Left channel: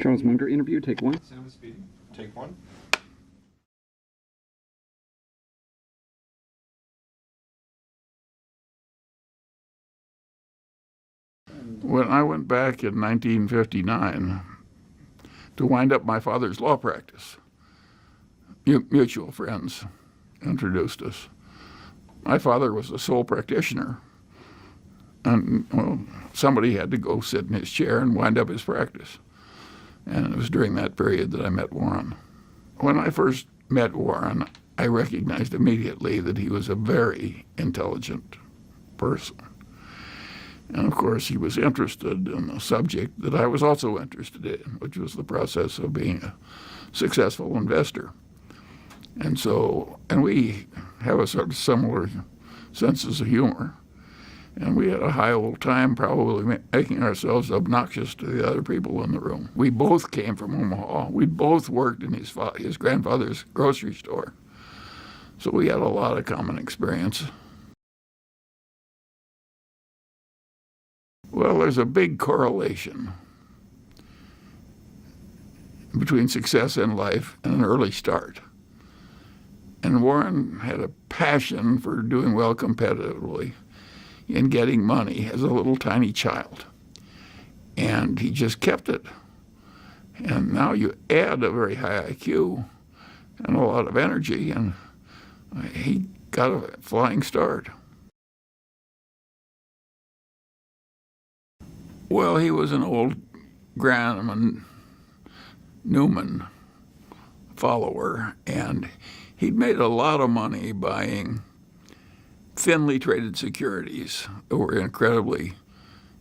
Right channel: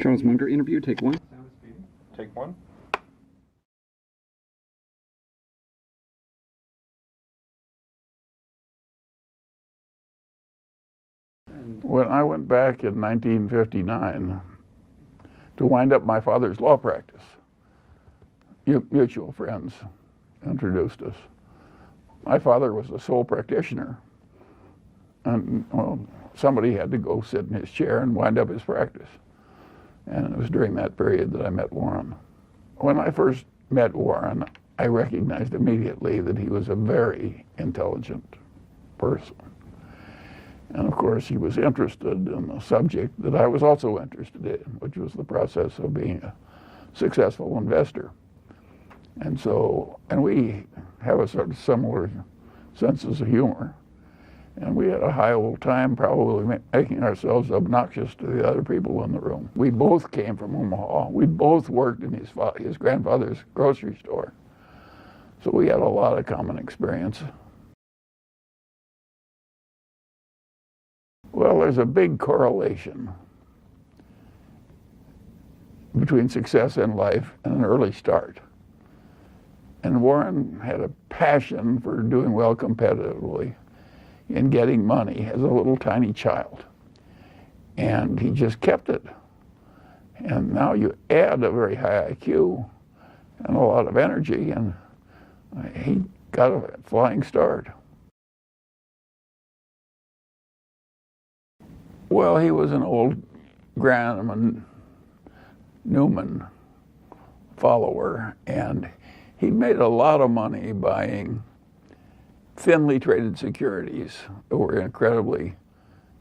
Charles Munger interview, take one. Sound is speeding. Take one. When I went back in 1959 to wind up my father's law practice, mutual friends introduced us. My father was the sole practitioner, and somebody had to go sit in his chair and wind up his practice. And it was during that period that I met Warren. When I first met Warren, I recognized immediately that he was a very intelligent person. And of course, he was interested in the subject that I was also interested in, which was the process of being a successful investor. And we have a sort of similar senses of humor. And we had a high old time probably making ourselves obnoxious to the other people in the room. We both came from Omaha. We both worked in his grandfather's grocery store. So we had a lot of common experience. Well, there's a big correlation between success in life and an early start. And Warren had a passion for doing well competitively in getting money as a little tiny child. And he just kept it. And now you add a very high IQ and a lot of energy, and he got a flying start. Well, he was an old Graham Newman follower, and he'd made a lot of money buying thinly traded securities that were incredibly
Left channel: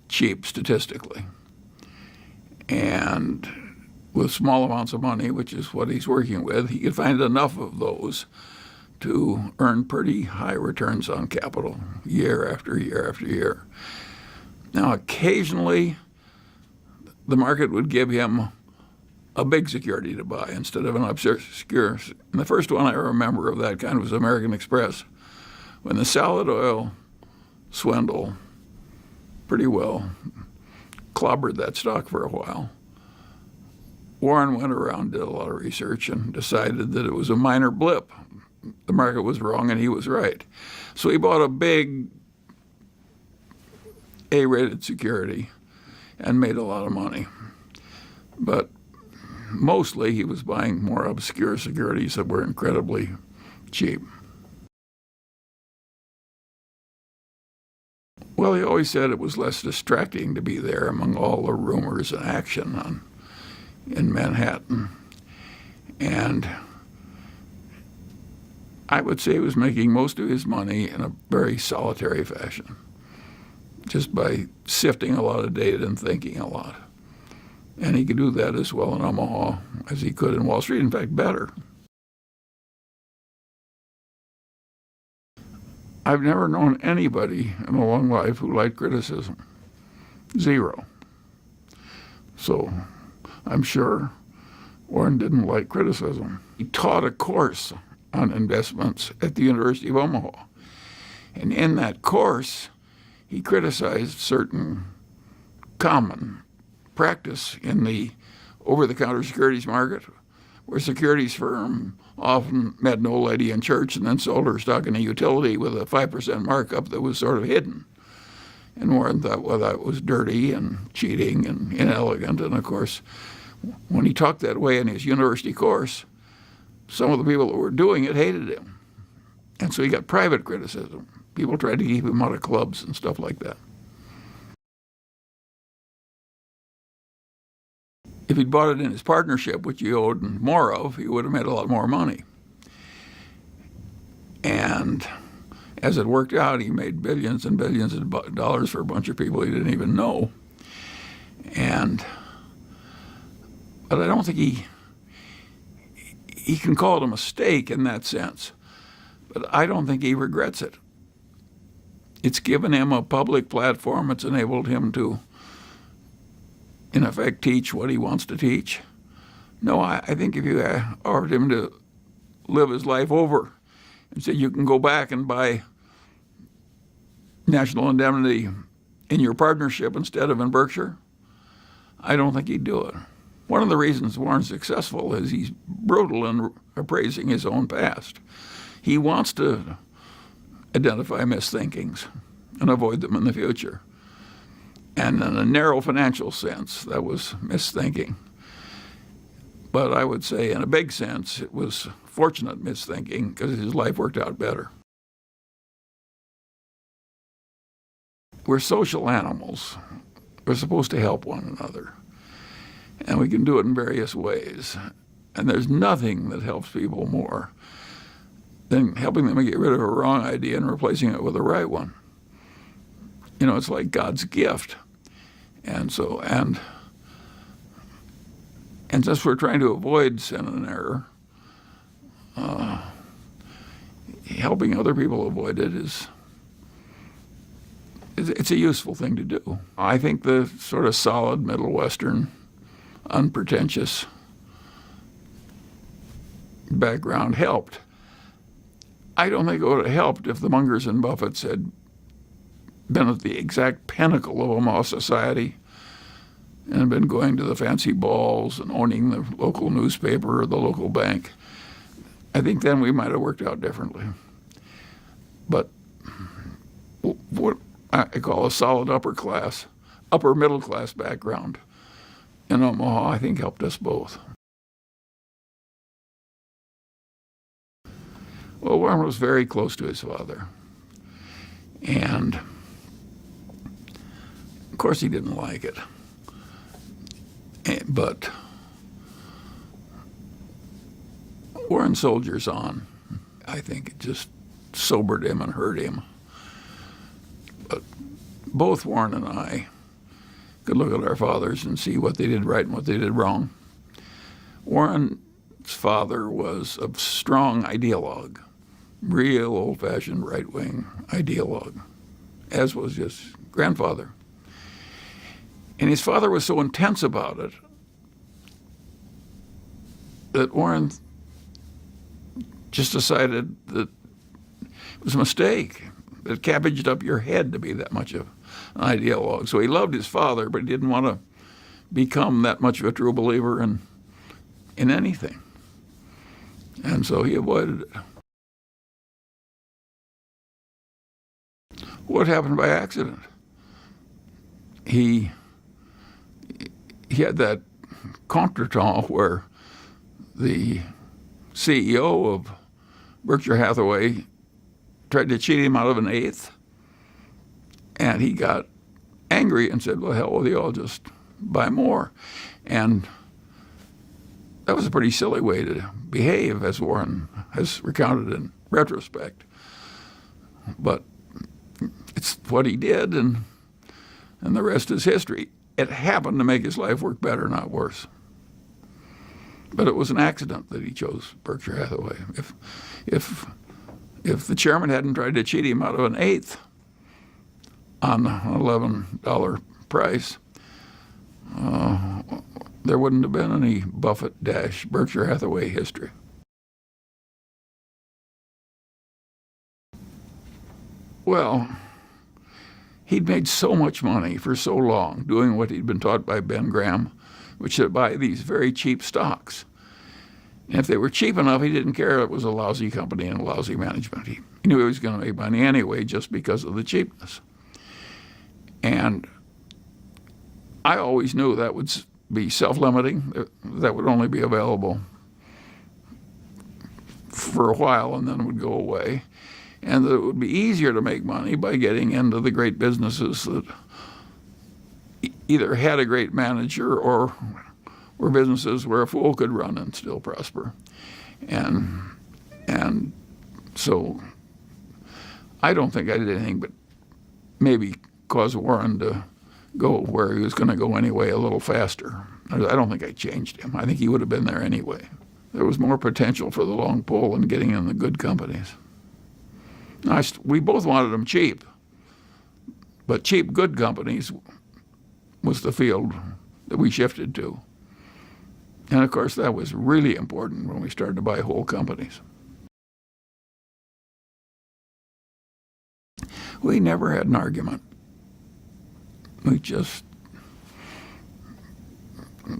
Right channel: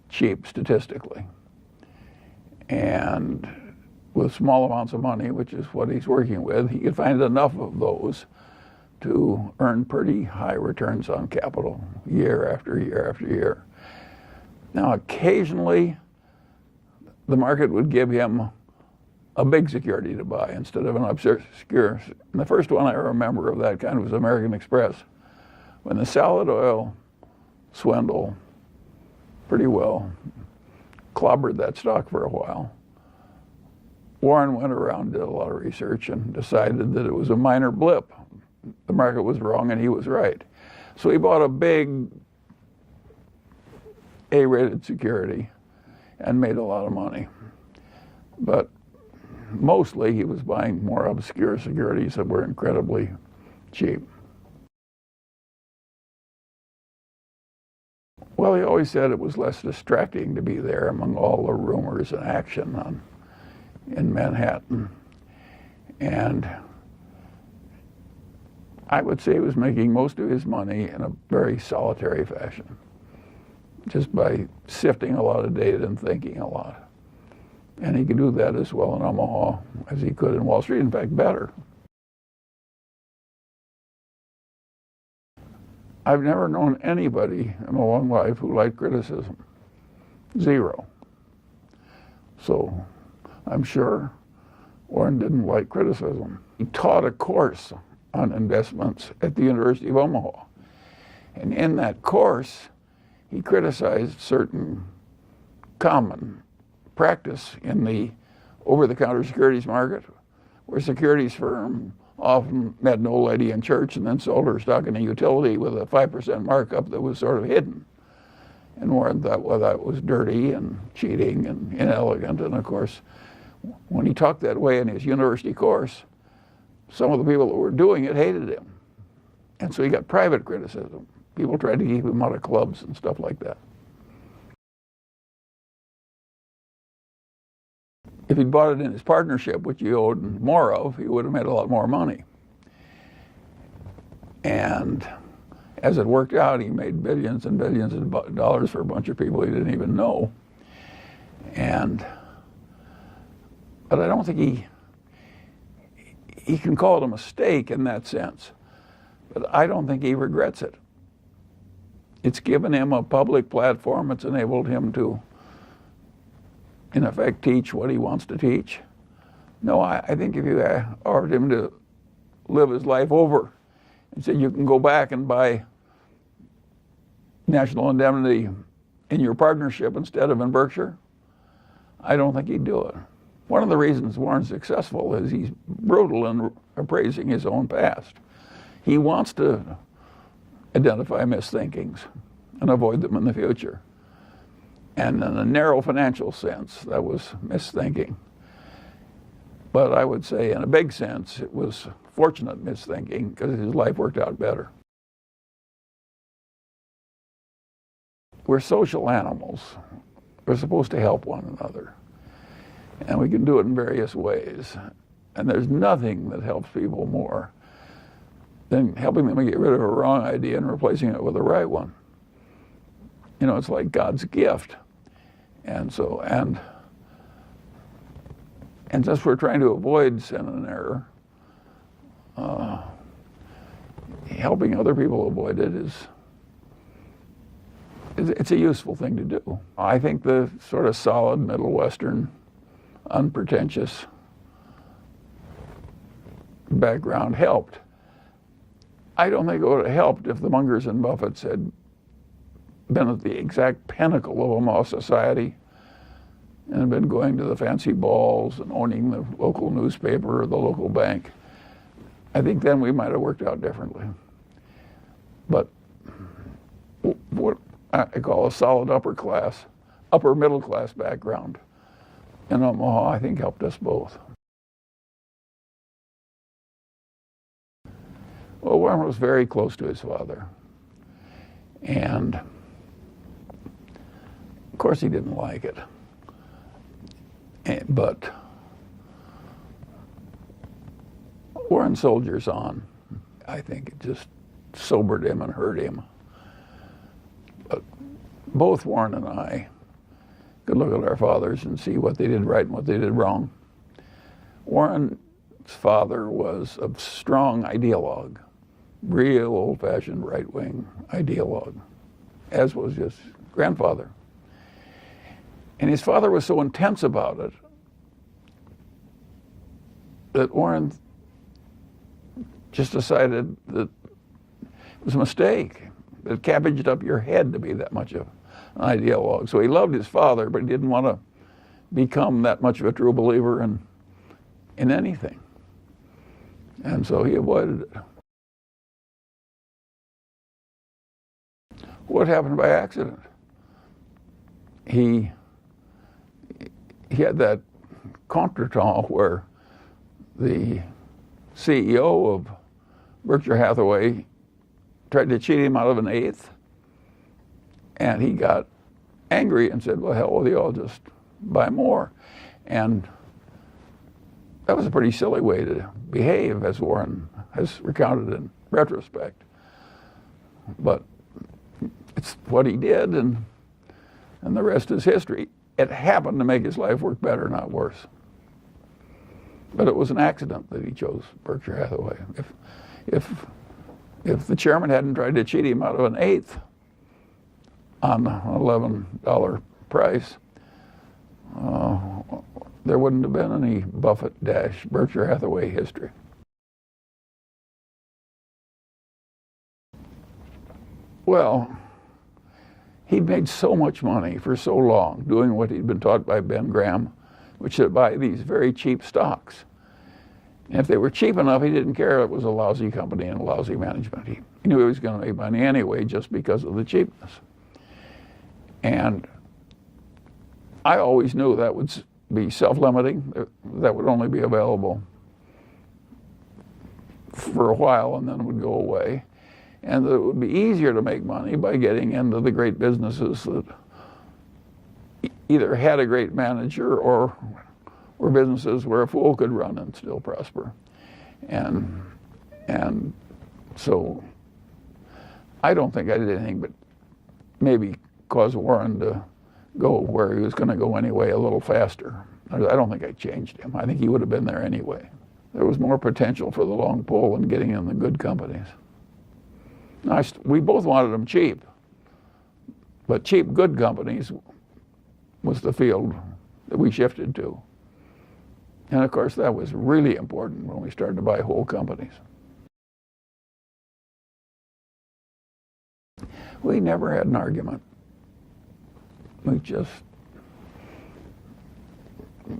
cheap statistically. And with small amounts of money, which is what he's working with, he could find enough of those to earn pretty high returns on capital year after year after year. Now, occasionally, the market would give him a big security to buy instead of an obscure. And the first one I remember of that kind was American Express, when the salad oil swindle pretty well clobbered that stock for a while. Warren went around, did a lot of research, and decided that it was a minor blip. The market was wrong and he was right. So he bought a big A-rated security and made a lot of money. But mostly he was buying more obscure securities that were incredibly cheap. Well, he always said it was less distracting to be there among all the rumors and action in Manhattan. And I would say he was making most of his money in a very solitary fashion, just by sifting a lot of data and thinking a lot. And he could do that as well in Omaha as he could in Wall Street, in fact, better. I've never known anybody in a long life who liked criticism. Zero. So I'm sure Warren didn't like criticism. He taught a course on investments at the University of Omaha. And in that course, he criticized certain common practice in the over-the-counter securities market, where securities firm often met an old lady in church and then sold her stock in a utility with a 5% markup that was sort of hidden. And Warren thought, well, that was dirty and cheating and inelegant. And of course, when he talked that way in his university course, some of the people that were doing it hated him. And so he got private criticism. People tried to keep him out of clubs and stuff like that. If he'd bought it in his partnership, which he owed more of, he would have made a lot more money. And as it worked out, he made billions and billions of dollars for a bunch of people he didn't even know. But I don't think he can call it a mistake in that sense, but I don't think he regrets it. It's given him a public platform. It's enabled him to, in effect, teach what he wants to teach. No, I think if you offered him to live his life over and said you can go back and buy National Indemnity in your partnership instead of in Berkshire, I don't think he'd do it. One of the reasons Warren's successful is he's brutal in appraising his own past. He wants to identify misthinkings and avoid them in the future. And in a narrow financial sense, that was misthinking. But I would say in a big sense, it was fortunate misthinking because his life worked out better. We're social animals. We're supposed to help one another. And we can do it in various ways. And there's nothing that helps people more than helping them get rid of a wrong idea and replacing it with a right one. You know, it's like God's gift. And since we're trying to avoid sin and error, helping other people avoid it it's a useful thing to do. I think the sort of solid Middle Western, unpretentious background helped. I don't think it would have helped if the Mungers and Buffetts had been at the exact pinnacle of Omaha society and been going to the fancy balls and owning the local newspaper or the local bank. I think then we might have worked out differently. But what I call a solid upper middle class background in Omaha, I think helped us both. Well, Warren was very close to his father. And of course he didn't like it. But Warren soldiers on. I think it just sobered him and hurt him. But both Warren and I could look at our fathers and see what they did right and what they did wrong. Warren's father was a strong ideologue, real old-fashioned right-wing ideologue, as was his grandfather. And his father was so intense about it that Warren just decided that it was a mistake. It cabbaged up your head to be that much of an ideologue. So he loved his father, but he didn't want to become that much of a true believer in anything. And so he avoided it. What happened by accident? He had that contretemps where the CEO of Berkshire Hathaway tried to cheat him out of an eighth, and he got angry and said, well, hell with you, I'll just buy more. And that was a pretty silly way to behave, as Warren has recounted in retrospect. But it's what he did, and the rest is history. It happened to make his life work better, not worse. But it was an accident that he chose Berkshire Hathaway. If the chairman hadn't tried to cheat him out of an eighth on an $11 price, there wouldn't have been any Buffett-Berkshire Hathaway history. Well, he'd made so much money for so long doing what he'd been taught by Ben Graham, which is to buy these very cheap stocks. And if they were cheap enough, he didn't care if it was a lousy company and a lousy management. He knew he was going to make money anyway just because of the cheapness. And I always knew that would be self-limiting. That would only be available for a while and then it would go away. And that it would be easier to make money by getting into the great businesses that either had a great manager or were businesses where a fool could run and still prosper. And so I don't think I did anything but maybe cause Warren to go where he was going to go anyway a little faster. I don't think I changed him. I think he would have been there anyway. There was more potential for the long pull in getting in the good companies. We both wanted them cheap, but cheap, good companies was the field that we shifted to. And of course, that was really important when we started to buy whole companies. We never had an argument.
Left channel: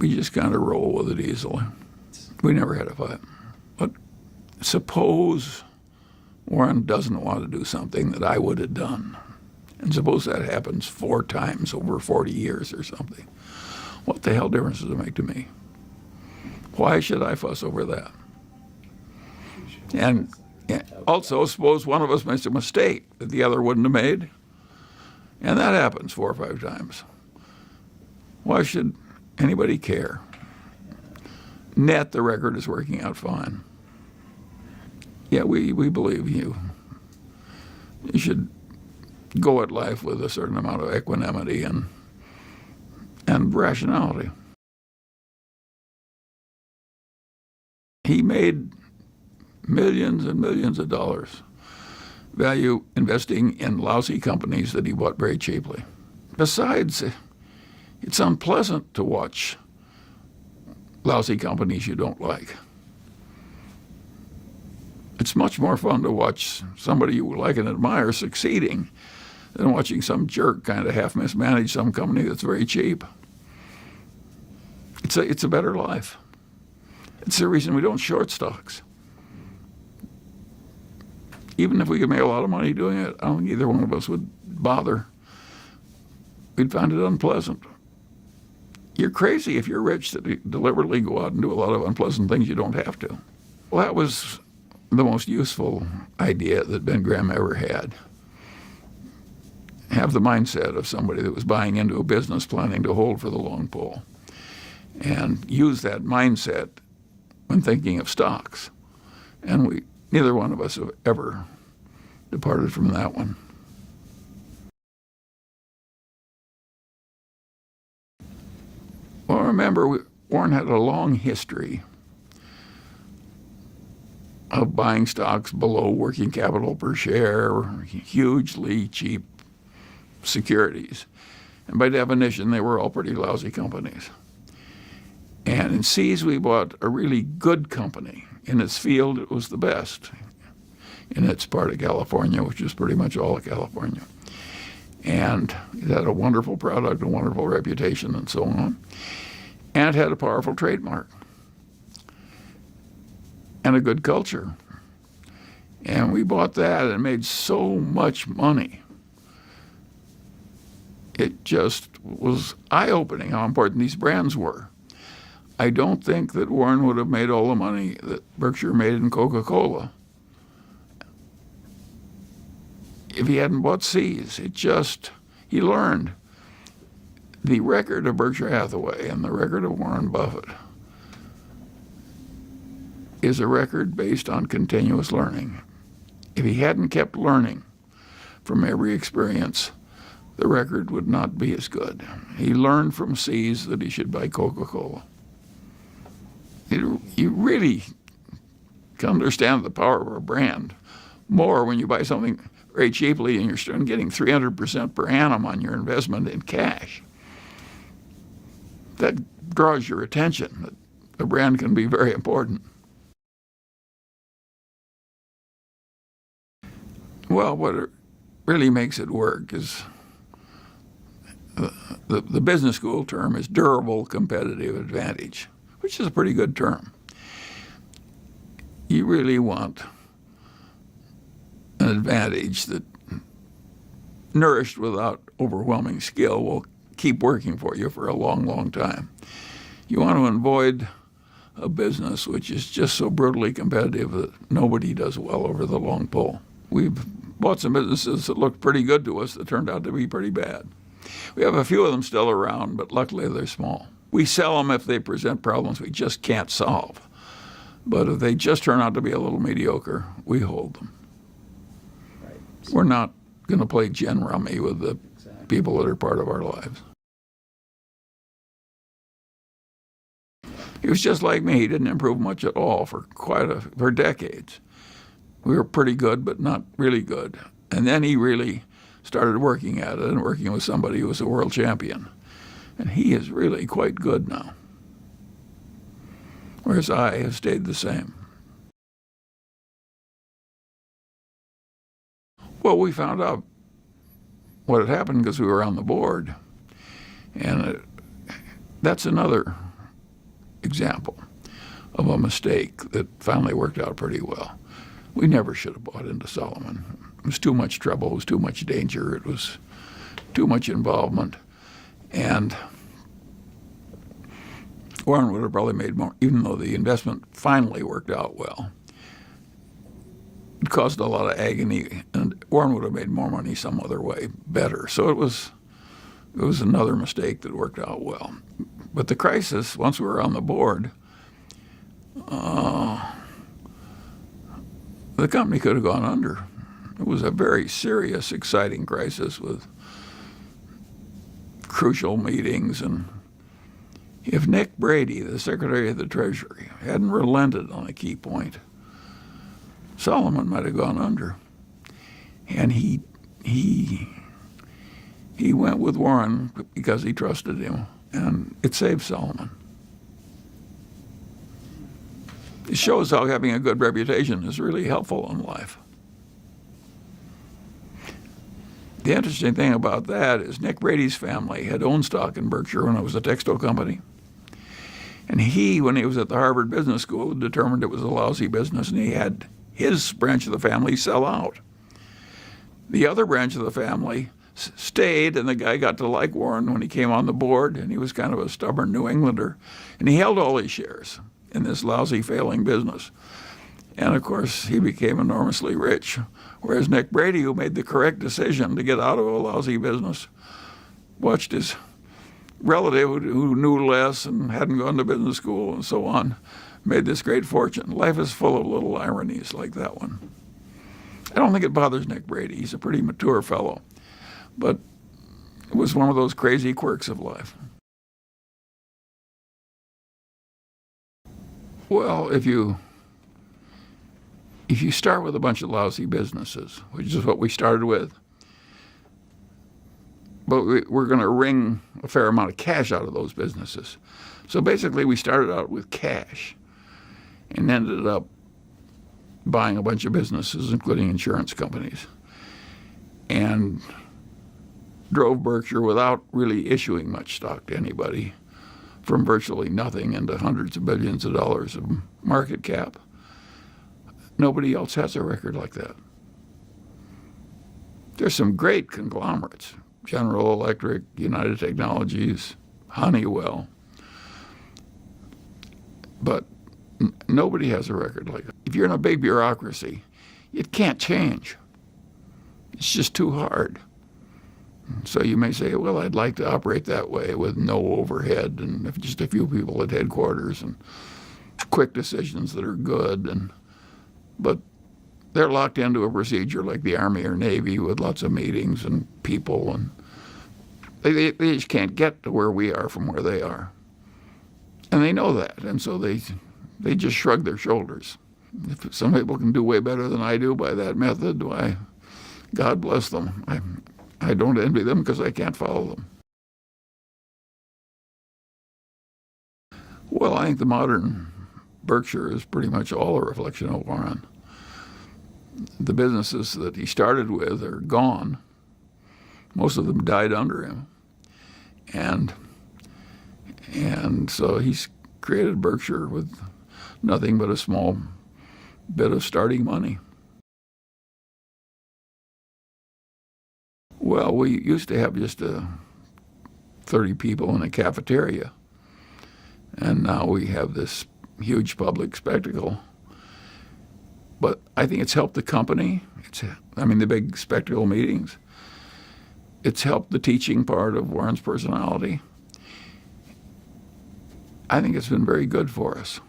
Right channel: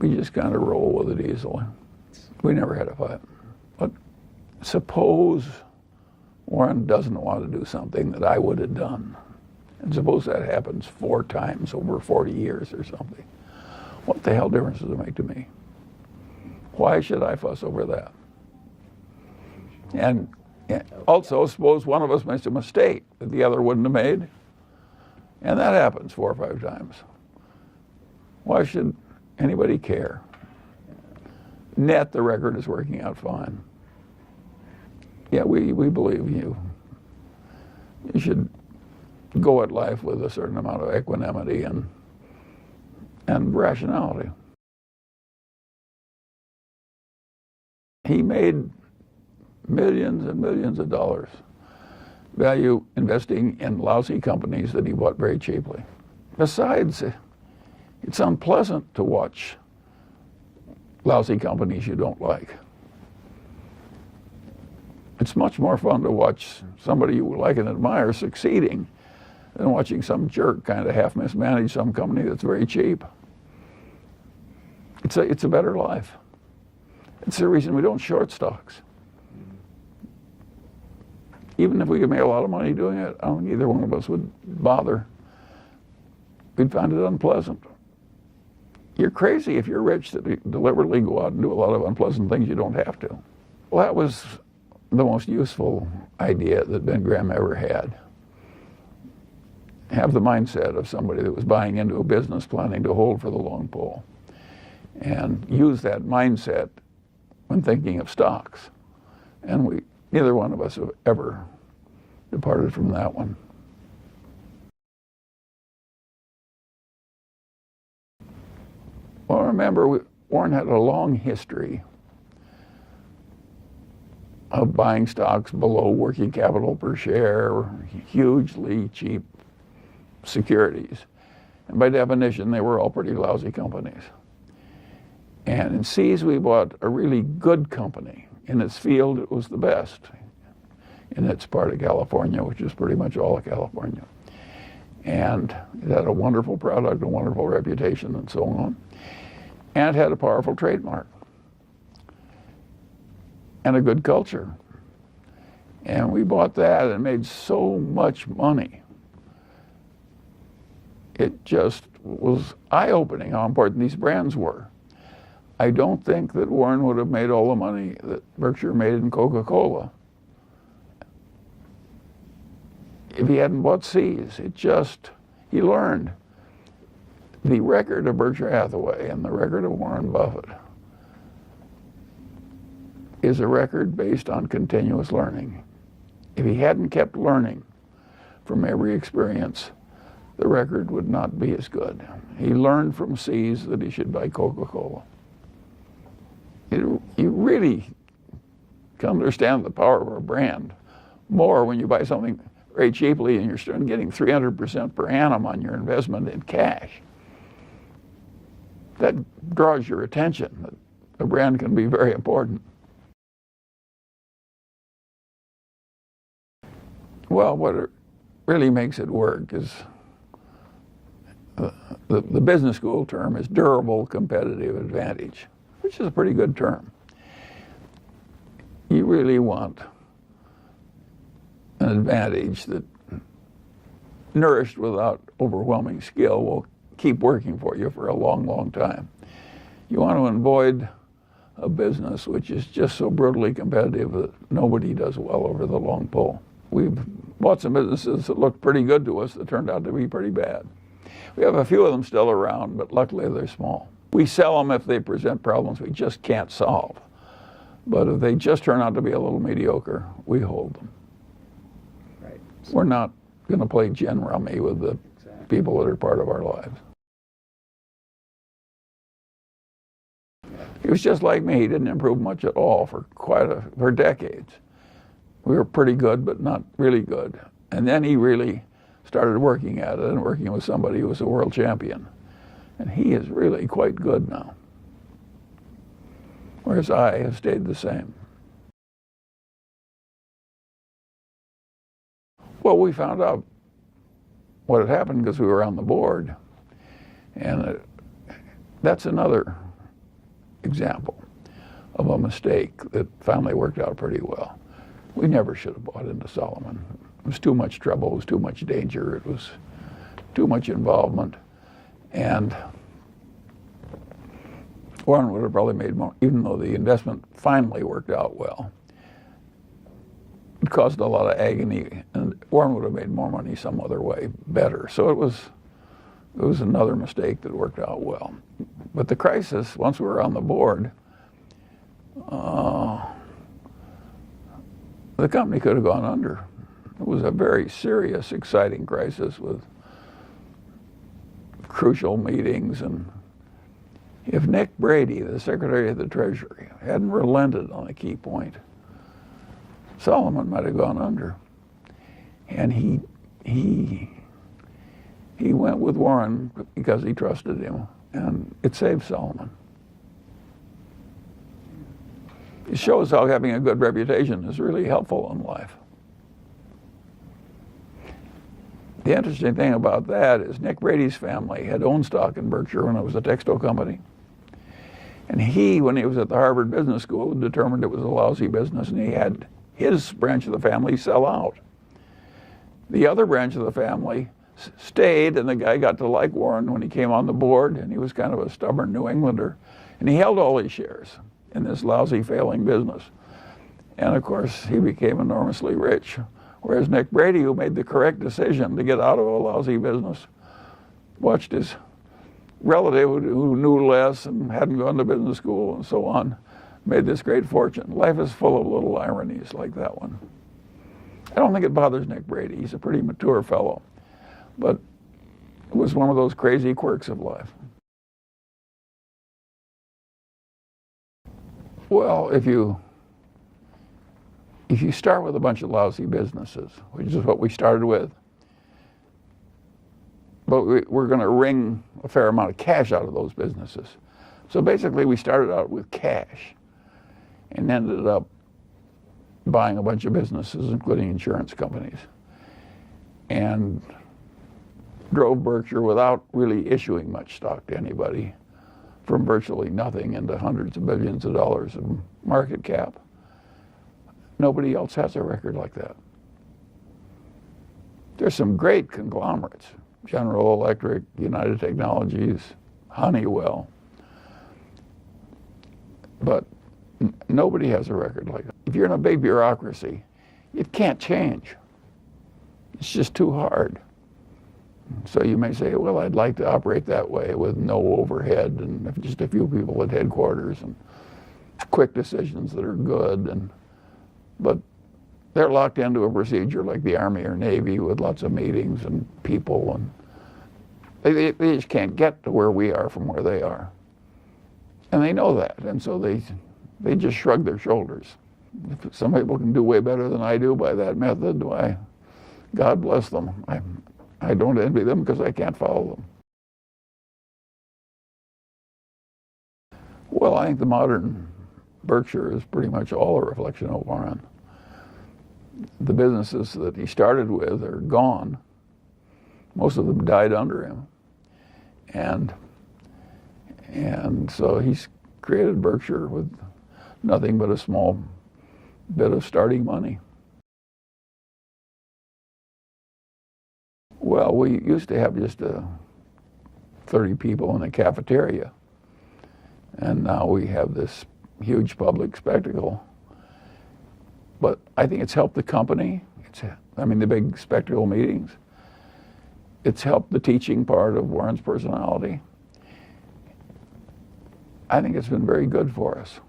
We just kind of roll with it easily. We never had a fight. But suppose Warren doesn't want to do something that I would have done. And suppose that happens 4 times over 40 years or something. What the hell difference does it make to me? Why should I fuss over that? And also, suppose one of us makes a mistake that the other wouldn't have made. And that happens 4 or 5 times. Why should anybody care? Net, the record is working out fine. Yeah, we believe you should go at life with a certain amount of equanimity and rationality. He made millions and millions of dollars value investing in lousy companies that he bought very cheaply. Besides, it's unpleasant to watch lousy companies you don't like. It's much more fun to watch somebody you like and admire succeeding than watching some jerk kind of half mismanage some company that's very cheap. It's a better life. It's the reason we don't short stocks. Even if we could make a lot of money doing it, I don't think either one of us would bother. We'd find it unpleasant. You're crazy if you're rich to deliberately go out and do a lot of unpleasant things you don't have to. Well, that was the most useful idea that Ben Graham ever had. Have the mindset of somebody that was buying into a business planning to hold for the long pull, and use that mindset when thinking of stocks. And neither one of us have ever departed from that one. Well, remember, Warren had a long history of buying stocks below working capital per share, hugely cheap securities. And by definition, they were all pretty lousy companies. And in Seas, we bought a really good company. In its field, it was the best in its part of California, which is pretty much all of California. And it had a wonderful product, a wonderful reputation, and so on. And it had a powerful trademark and a good culture. And we bought that and made so much money. It just was eye-opening how important these brands were. I don't think that Warren would have made all the money that Berkshire made in Coca-Cola if he hadn't bought Seas. He learned. The record of Berkshire Hathaway and the record of Warren Buffett is a record based on continuous learning. If he hadn't kept learning from every experience, the record would not be as good. He learned from Seas that he should buy Coca-Cola. You really can understand the power of a brand more when you buy something very cheaply and you're starting getting 300% per annum on your investment in cash. That draws your attention. The brand can be very important. Well, what really makes it work is the business school term is durable competitive advantage, which is a pretty good term. You really want an advantage that, nourished without overwhelming skill, will keep working for you for a long, long time. You want to avoid a business which is just so brutally competitive that nobody does well over the long pull. We've bought some businesses that looked pretty good to us that turned out to be pretty bad. We have a few of them still around, but luckily they're small. We sell them if they present problems we just can't solve. But if they just turn out to be a little mediocre, we hold them. We're not going to play gin rummy with the people that are part of our lives. He was just like me. He didn't improve much at all for decades. We were pretty good, but not really good. And then he really started working at it and working with somebody who was a world champion. And he is really quite good now. Whereas I have stayed the same. Well, we found out what had happened because we were on the board. And that's another example of a mistake that finally worked out pretty well. We never should have bought into Solomon. It was too much trouble. It was too much danger. It was too much involvement. And Warren would have probably made more, even though the investment finally worked out well. It caused a lot of agony, and Warren would have made more money some other way, better. So it was another mistake that worked out well. But the crisis, once we were on the board, the company could have gone under. It was a very serious, exciting crisis with crucial meetings. And if Nick Brady, the Secretary of the Treasury, hadn't relented on a key point, Solomon might have gone under. And he went with Warren because he trusted him, and it saved Solomon. It shows how having a good reputation is really helpful in life. The interesting thing about that is Nick Brady's family had owned stock in Berkshire when it was a textile company. And he, when he was at the Harvard Business School, determined it was a lousy business, and he had his branch of the family sell out. The other branch of the family stayed, and the guy got to like Warren when he came on the board, and he was kind of a stubborn New Englander, and he held all his shares in this lousy, failing business. And of course, he became enormously rich, whereas Nick Brady, who made the correct decision to get out of a lousy business, watched his relative who knew less and hadn't gone to business school and so on, made this great fortune. Life is full of little ironies like that one. I don't think it bothers Nick Brady. He's a pretty mature fellow. But it was one of those crazy quirks of life. Well, if you start with a bunch of lousy businesses, which is what we started with, but we're going to wring a fair amount of cash out of those businesses. So basically, we started out with cash and ended up buying a bunch of businesses, including insurance companies, and drove Berkshire without really issuing much stock to anybody, from virtually nothing into hundreds of billions of dollars of market cap. Nobody else has a record like that. There's some great conglomerates, General Electric, United Technologies, Honeywell, but nobody has a record like that. If you're in a big bureaucracy, it can't change. It's just too hard. So you may say, well, I'd like to operate that way with no overhead and just a few people at headquarters and quick decisions that are good. But they're locked into a procedure like the Army or Navy with lots of meetings and people, and they just can't get to where we are from where they are. And they know that, and so they just shrug their shoulders. If some people can do way better than I do by that method, why, God bless them. I don't envy them because I can't follow them. Well, I think the modern Berkshire is pretty much all a reflection of Warren. The businesses that he started with are gone. Most of them died under him. And so he's created Berkshire with nothing but a small bit of starting money. Well, we used to have just 30 people in a cafeteria, and now we have this huge public spectacle. But I think it's helped the company. The big spectacle meetings. It's helped the teaching part of Warren's personality. I think it's been very good for us.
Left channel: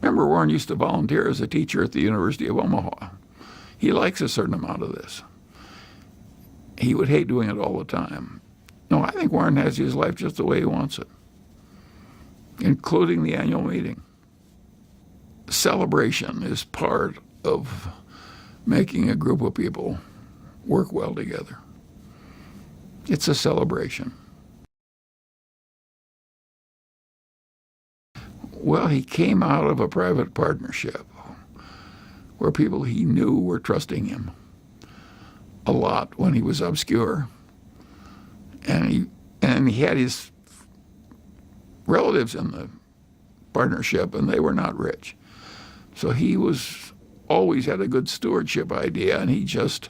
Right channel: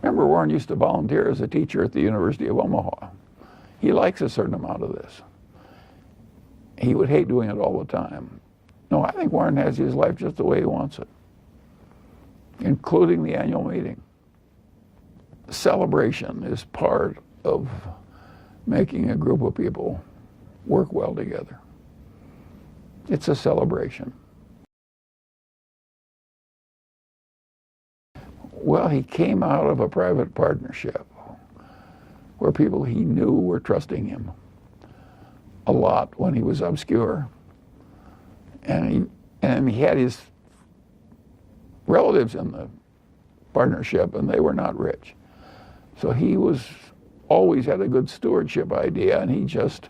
Remember, Warren used to volunteer as a teacher at the University of Omaha. He likes a certain amount of this. He would hate doing it all the time. No, I think Warren has his life just the way he wants it, including the annual meeting. Celebration is part of making a group of people work well together. It's a celebration. Well, he came out of a private partnership where people he knew were trusting him a lot when he was obscure. And he had his relatives in the partnership, and they were not rich. So he always had a good stewardship idea, and he just,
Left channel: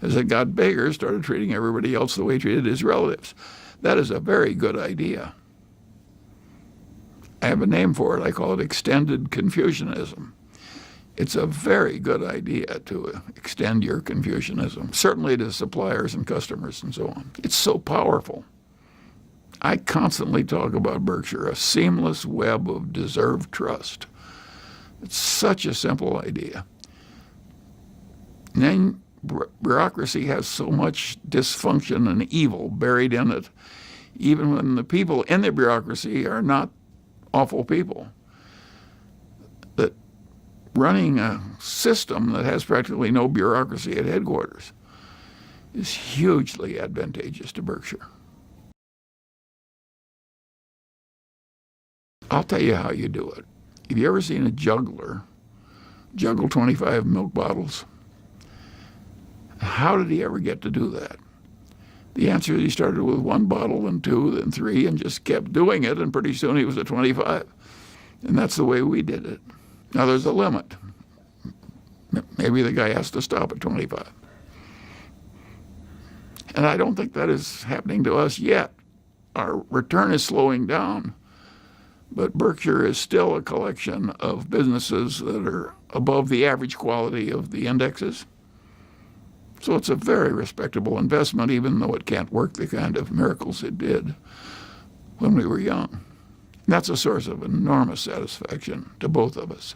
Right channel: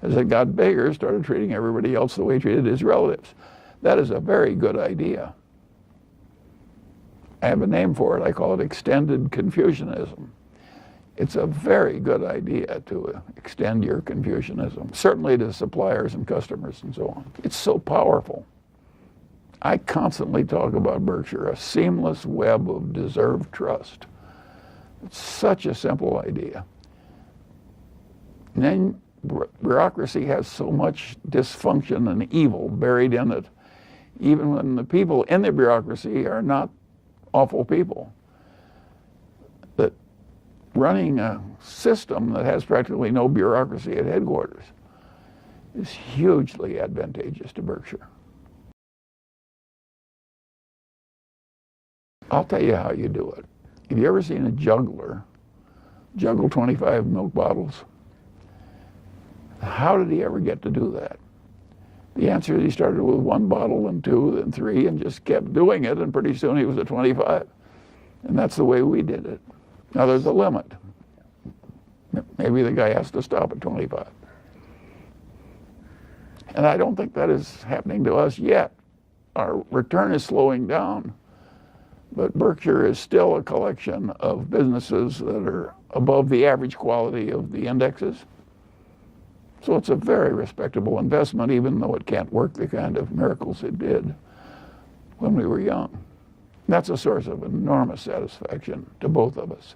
as it got bigger, started treating everybody else the way he treated his relatives. That is a very good idea. I have a name for it. I call it extended Confucianism. It's a very good idea to extend your Confucianism, certainly to suppliers and customers and so on. It's so powerful. I constantly talk about Berkshire, a seamless web of deserved trust. It's such a simple idea. And then bureaucracy has so much dysfunction and evil buried in it, even when the people in the bureaucracy are not awful people. That running a system that has practically no bureaucracy at headquarters is hugely advantageous to Berkshire. I'll tell you how you do it. Have you ever seen a juggler juggle 25 milk bottles? How did he ever get to do that? The answer is he started with 1 bottle, and 2, then 3, and just kept doing it, and pretty soon he was at 25. And that's the way we did it. Now there's a limit. Maybe the guy has to stop at 25. And I don't think that is happening to us yet. Our return is slowing down, but Berkshire is still a collection of businesses that are above the average quality of the indexes. So it's a very respectable investment, even though it can't work the kind of miracles it did when we were young. That's a source of enormous satisfaction to both of us.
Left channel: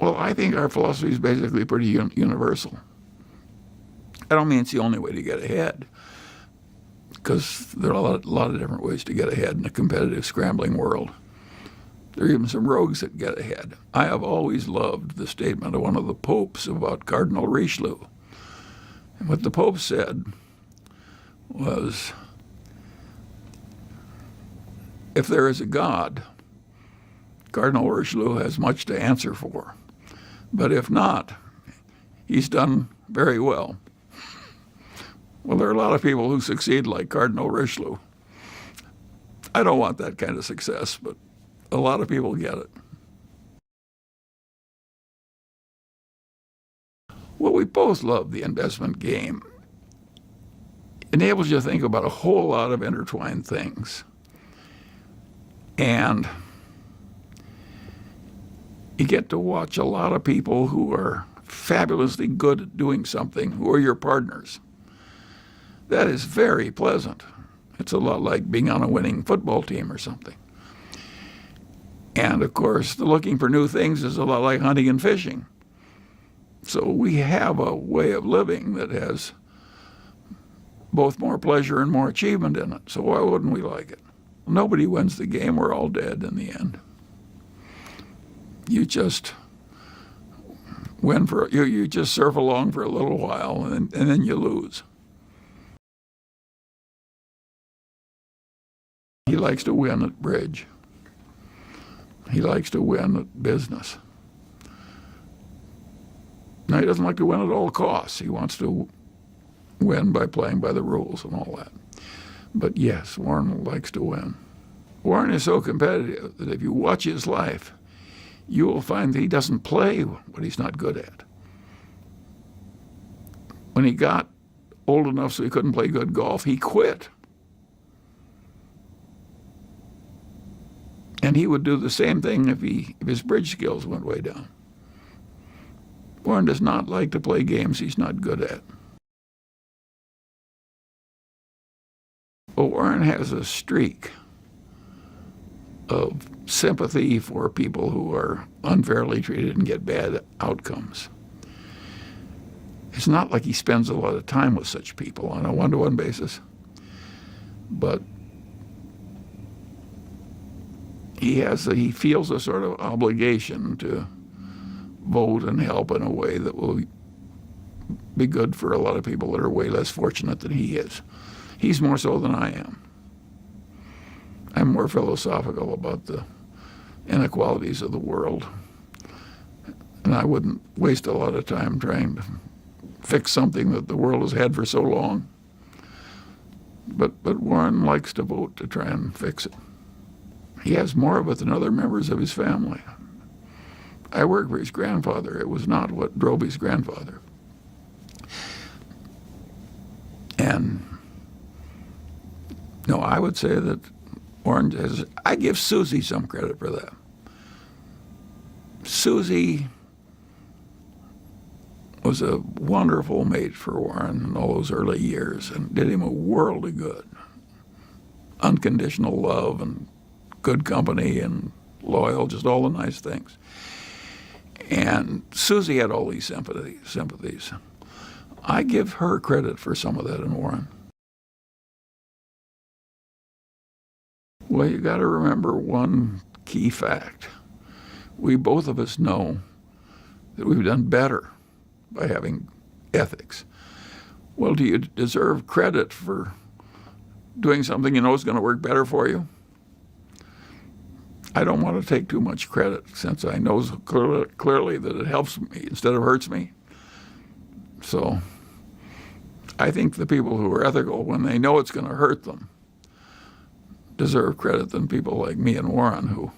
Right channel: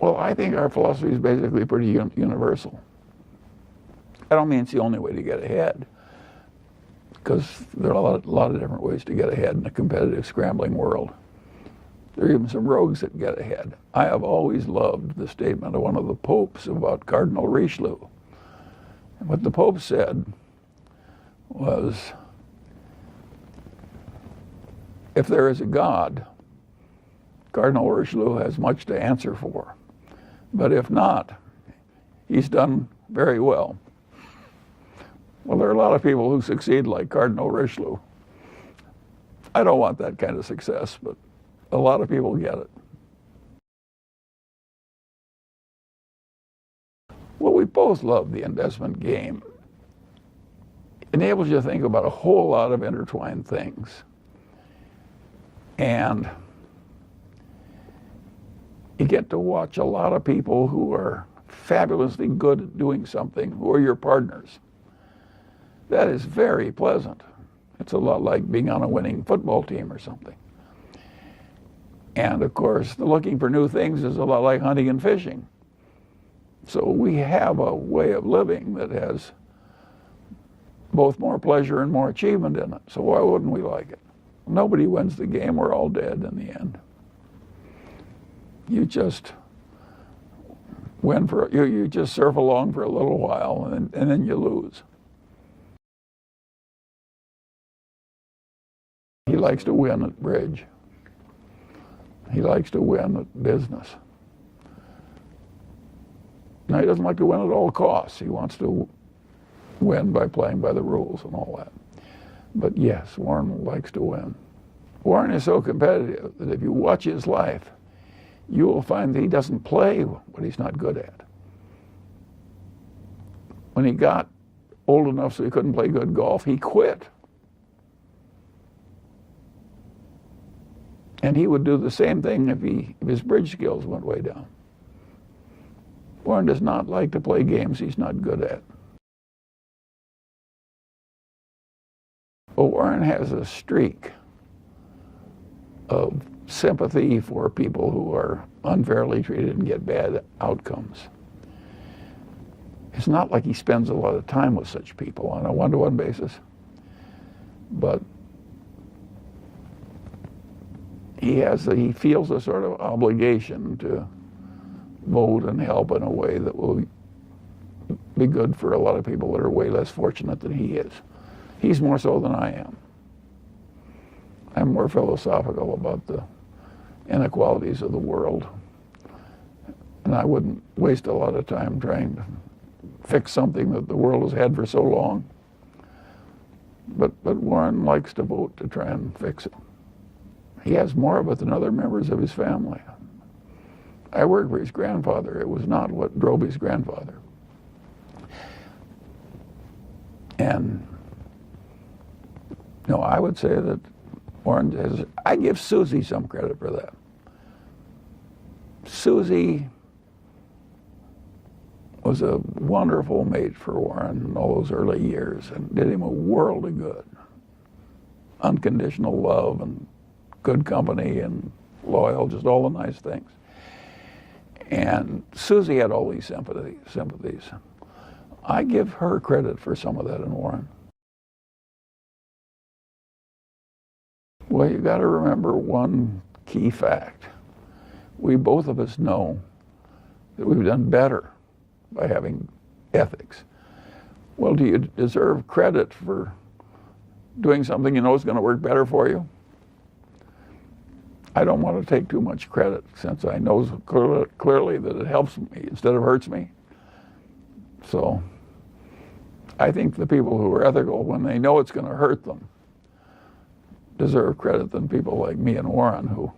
Well, I think our philosophy is basically pretty universal. I don't mean it's the only way to get ahead, because there are a lot of different ways to get ahead in a competitive, scrambling world. There are even some rogues that get ahead. I have always loved the statement of one of the popes about Cardinal Richelieu. And what the pope said was, if there is a God, Cardinal Richelieu has much to answer for. But if not, he's done very well. Well, there are a lot of people who succeed like Cardinal Richelieu. I don't want that kind of success, but a lot of people get it. Well, we both love the investment game. It enables you to think about a whole lot of intertwined things. And you get to watch a lot of people who are fabulously good at doing something, who are your partners. That is very pleasant. It's a lot like being on a winning football team or something. And of course, the looking for new things is a lot like hunting and fishing. So we have a way of living that has both more pleasure and more achievement in it. So why wouldn't we like it? Nobody wins the game. We're all dead in the end. You just you just surf along for a little while, and then you lose. He likes to win at bridge. He likes to win at business. Now, he doesn't like to win at all costs. He wants to win by playing by the rules and all that. But yes, Warren likes to win. Warren is so competitive that if you watch his life, you will find that he doesn't play what he's not good at. When he got old enough so he couldn't play good golf, he quit. And he would do the same thing if his bridge skills went way down. Warren does not like to play games he's not good at. Well, Warren has a streak of sympathy for people who are unfairly treated and get bad outcomes. It's not like he spends a lot of time with such people on a one-to-one basis, but he feels a sort of obligation to vote and help in a way that will be good for a lot of people that are way less fortunate than he is. He's more so than I am. I'm more philosophical about the inequalities of the world, and I wouldn't waste a lot of time trying to fix something that the world has had for so long. But Warren likes to vote to try and fix it. He has more of it than other members of his family. I worked for his grandfather. It was not what drove his grandfather. And no, I would say that Warren has, I give Susie some credit for that. Susie was a wonderful mate for Warren in all those early years and did him a world of good. Unconditional love and good company and loyal, just all the nice things. And Susie had all these sympathies. I give her credit for some of that in Warren. Well, you got to remember one key fact. We both of us know that we've done better by having ethics. Well, do you deserve credit for doing something you know is going to work better for you? I don't want to take too much credit since I know clearly that it helps me instead of hurts me. So I think the people who are ethical, when they know it's going to hurt them, deserve credit than people like me and Warren who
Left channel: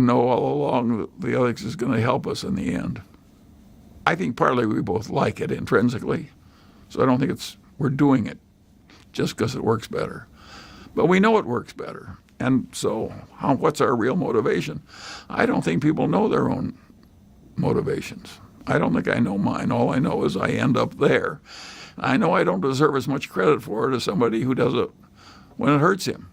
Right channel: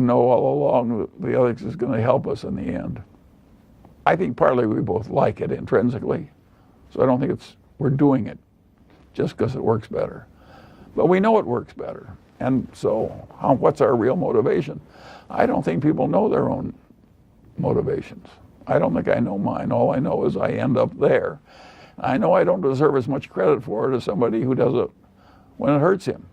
know all along that the ethics is going to help us in the end. I think partly we both like it intrinsically, so I don't think we're doing it just because it works better. But we know it works better. And so what's our real motivation? I don't think people know their own motivations. I don't think I know mine. All I know is I end up there. I know I don't deserve as much credit for it as somebody who does it when it hurts him.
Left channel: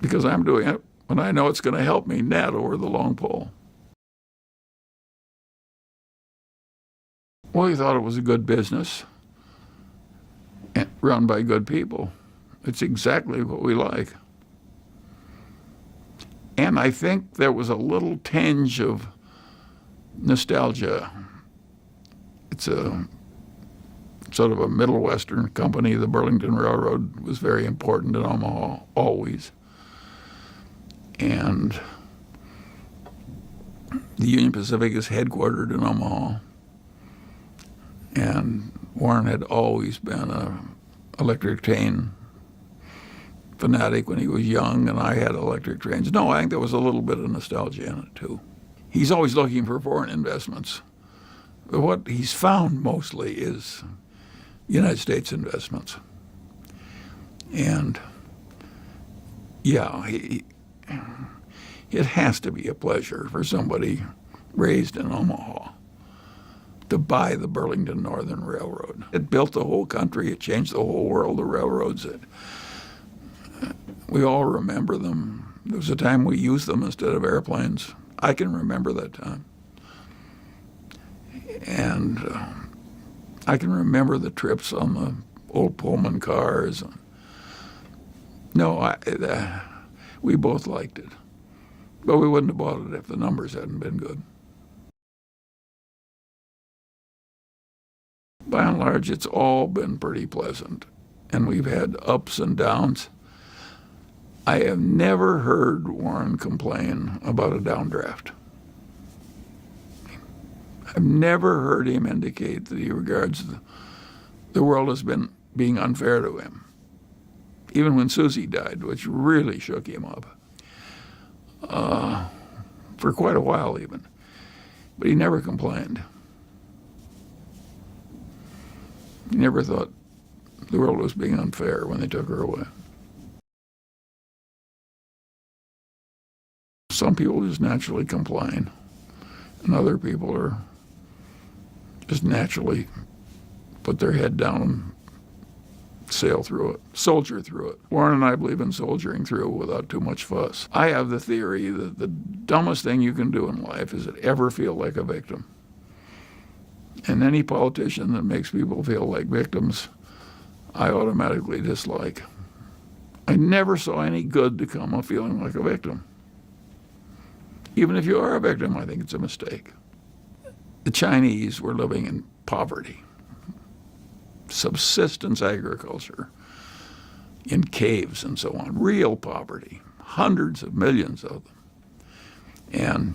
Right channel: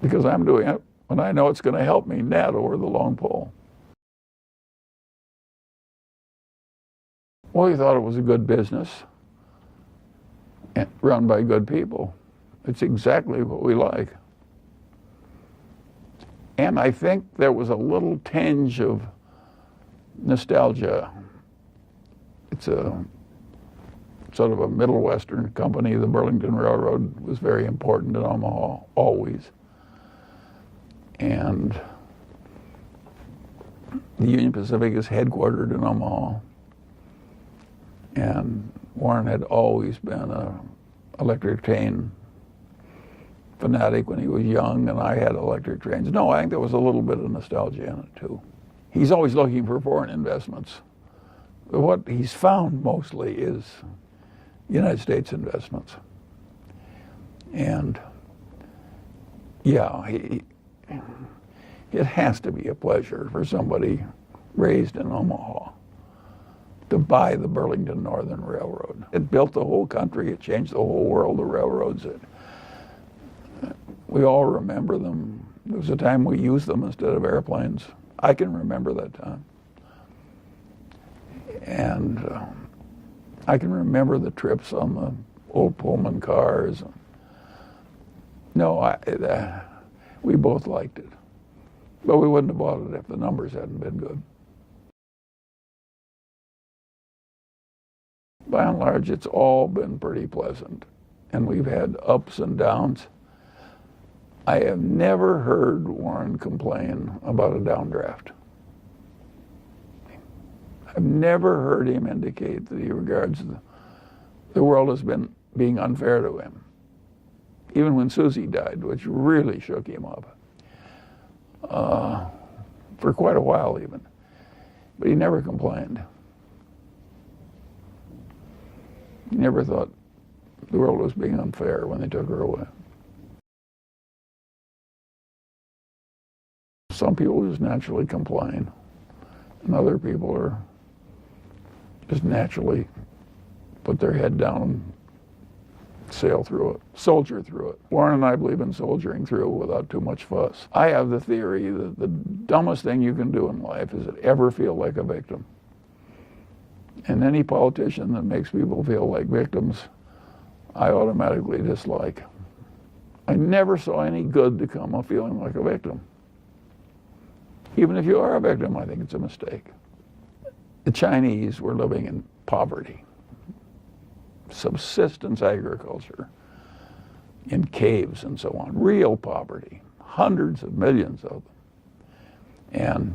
Because I'm doing it when I know it's going to help me net over the long pole. Well, he thought it was a good business run by good people. It's exactly what we like. And I think there was a little tinge of nostalgia. It's a sort of a Middle Western company. The Burlington Railroad was very important in Omaha, always. And the Union Pacific is headquartered in Omaha. And Warren had always been an electric train fanatic when he was young, and I had electric trains. No, I think there was a little bit of nostalgia in it, too. He's always looking for foreign investments. But what he's found mostly is United States investments. And, yeah, it has to be a pleasure for somebody raised in Omaha to buy the Burlington Northern Railroad. It built the whole country. It changed the whole world, the railroads. We all remember them. There was a time we used them instead of airplanes. I can remember that time. And I can remember the trips on the old Pullman cars. No, we both liked it. But we wouldn't have bought it if the numbers hadn't been good. By and large, it's all been pretty pleasant. And we've had ups and downs. I have never heard Warren complain about a downdraft. I've never heard him indicate that he regards the world as being unfair to him. Even when Susie died, which really shook him up. For quite a while even. But he never complained. He never thought the world was being unfair when they took her away. Some people just naturally complain, and other people are just naturally put their head down and sail through it, soldier through it. Warren and I believe in soldiering through without too much fuss. I have the theory that the dumbest thing you can do in life is to ever feel like a victim. And any politician that makes people feel like victims, I automatically dislike. I never saw any good to come of feeling like a victim. Even if you are a victim, I think it's a mistake. The Chinese were living in poverty, subsistence agriculture, in caves and so on, real poverty, hundreds of millions of them. And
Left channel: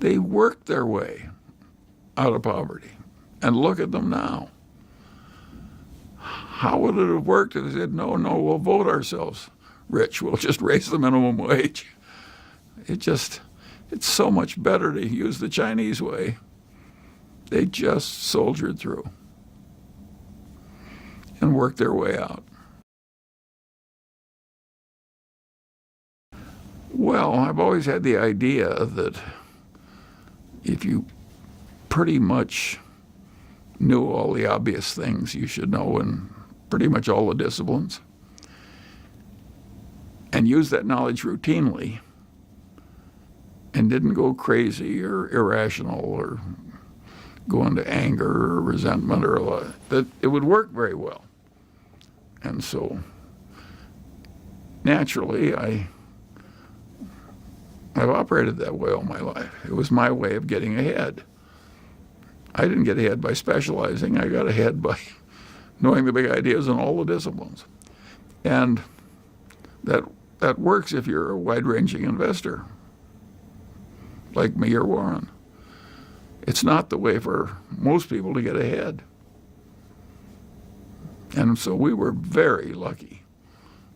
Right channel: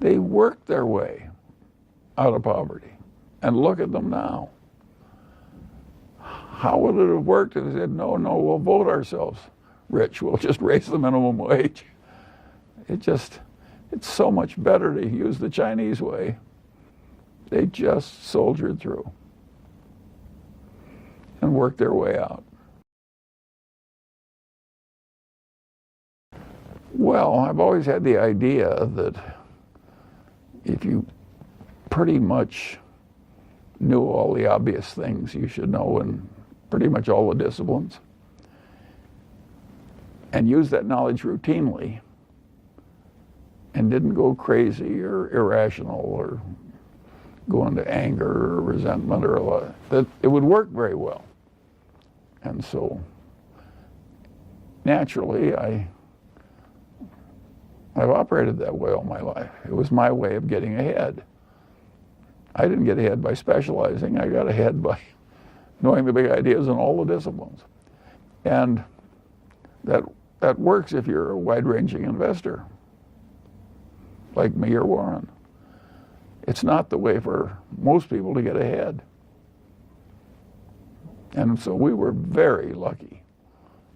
they worked their way out of poverty. And look at them now. How would it have worked if they said, no, we'll vote ourselves rich. We'll just raise the minimum wage. It's so much better to use the Chinese way. They just soldiered through and worked their way out. Well, I've always had the idea that if you pretty much knew all the obvious things you should know in pretty much all the disciplines, and used that knowledge routinely, and didn't go crazy or irrational or go into anger or resentment or a lot, that it would work very well. And so naturally, I've operated that way all my life. It was my way of getting ahead. I didn't get ahead by specializing. I got ahead by knowing the big ideas in all the disciplines. And that works if you're a wide-ranging investor, like me or Warren. It's not the way for most people to get ahead. And so we were very lucky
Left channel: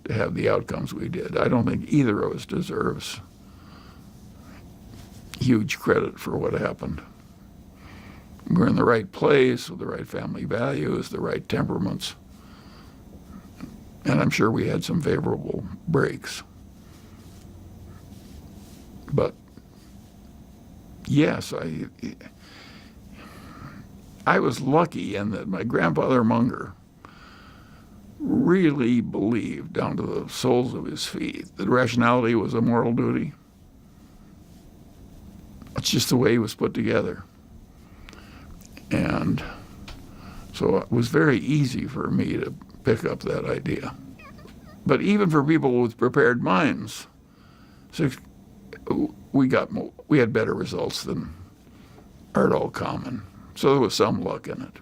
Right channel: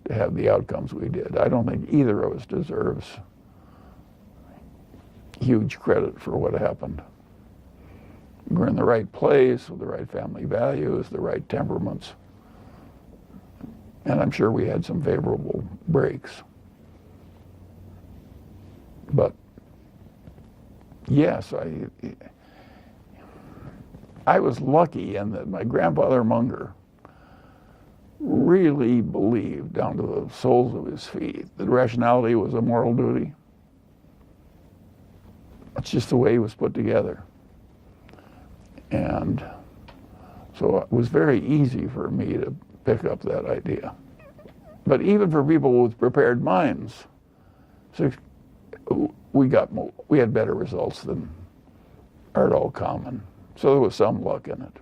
to have the outcomes we did. I don't think either of us deserves huge credit for what happened. We're in the right place with the right family values, the right temperaments. And I'm sure we had some favorable breaks. But yes, I was lucky in that my grandfather Munger really believed down to the soles of his feet that rationality was a moral duty. That's just the way he was put together. And so it was very easy for me to pick up that idea. But even for people with prepared minds, we had better results than are at all common. So there was some luck in it.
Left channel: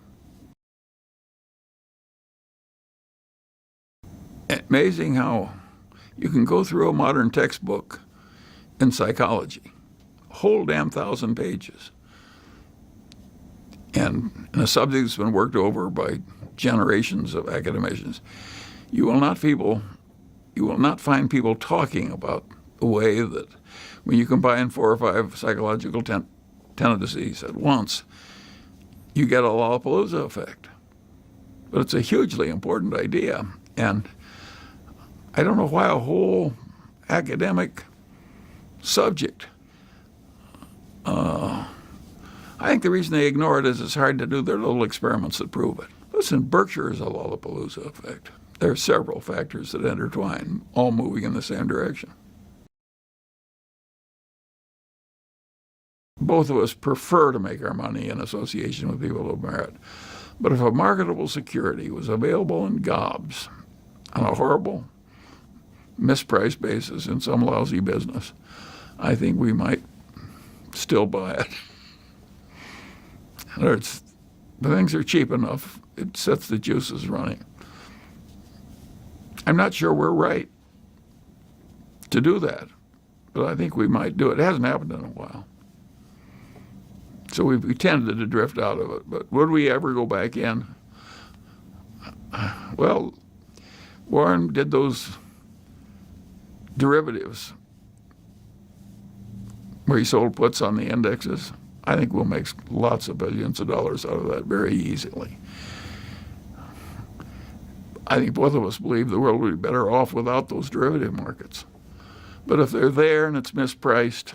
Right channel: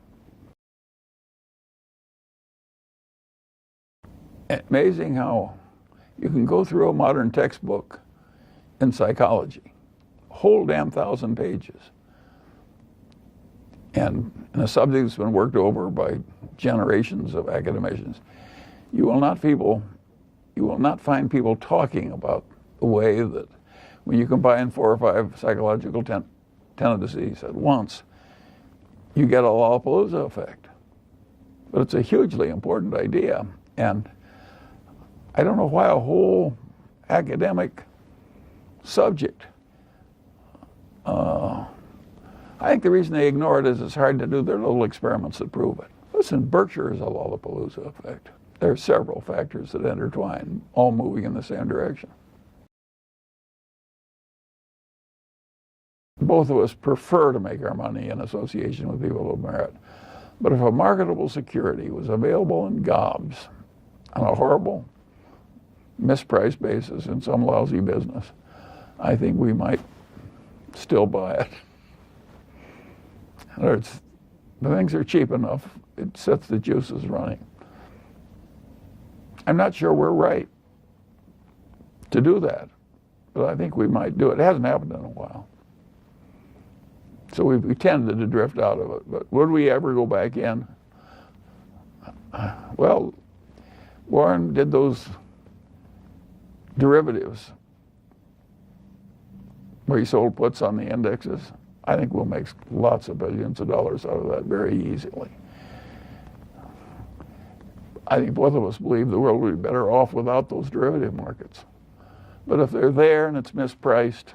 Amazing how you can go through a modern textbook in psychology, a whole damn 1,000 pages, and in a subject that's been worked over by generations of academicians. You will not find people talking about the way that when you combine 4 or 5 psychological tendencies at once, you get a Lollapalooza effect. But it's a hugely important idea. And I don't know why a whole academic subject, I think the reason they ignore it is it's hard to do their little experiments that prove it. Listen, Berkshire is a Lollapalooza effect. There are several factors that intertwine, all moving in the same direction. Both of us prefer to make our money in association with people of merit. But if a marketable security was available in gobs on a horrible, mispriced basis in some lousy business, I think we might still buy it. In other words, the things are cheap enough, it sets the juices running. I'm not sure we're right to do that, but I think we might do it. It hasn't happened in a while. So we tended to drift out of it, but would we ever go back in? Well, Warren did those derivatives where he sold puts on the indexes. I think we'll make lots of billions of dollars out of that very easily. I think both of us believe the world would be better off without those derivative markets. But if they're there and it's mispriced,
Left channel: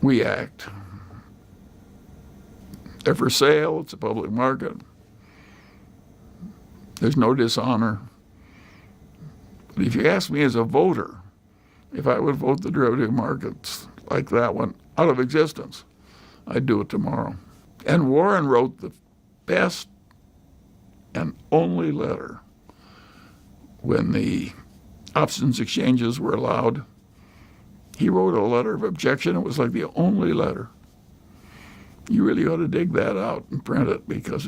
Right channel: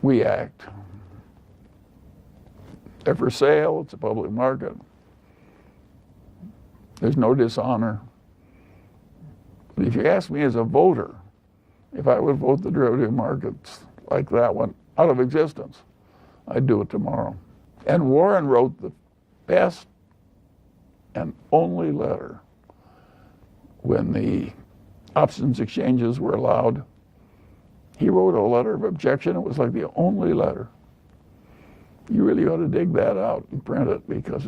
we act. They're for sale, it's a public market. There's no dishonor. But if you ask me as a voter, if I would vote the derivative markets like that one out of existence, I'd do it tomorrow. And Warren wrote the best and only letter when the options exchanges were allowed. He wrote a letter of objection. It was like the only letter. You really ought to dig that out and print it because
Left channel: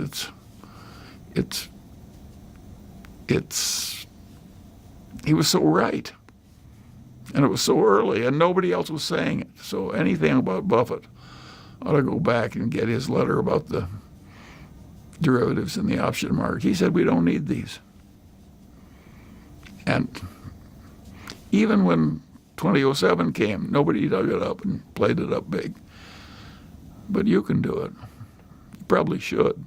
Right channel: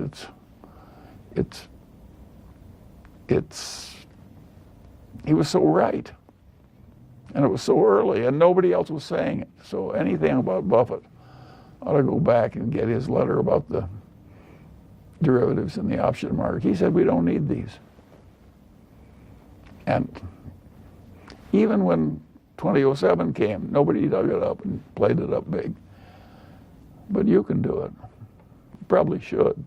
he was so right. And it was so early and nobody else was saying it. So anything about Buffett, ought to go back and get his letter about the derivatives in the option market. He said we don't need these. And even when 2007 came, nobody dug it up and played it up big. But you can do it. You probably should.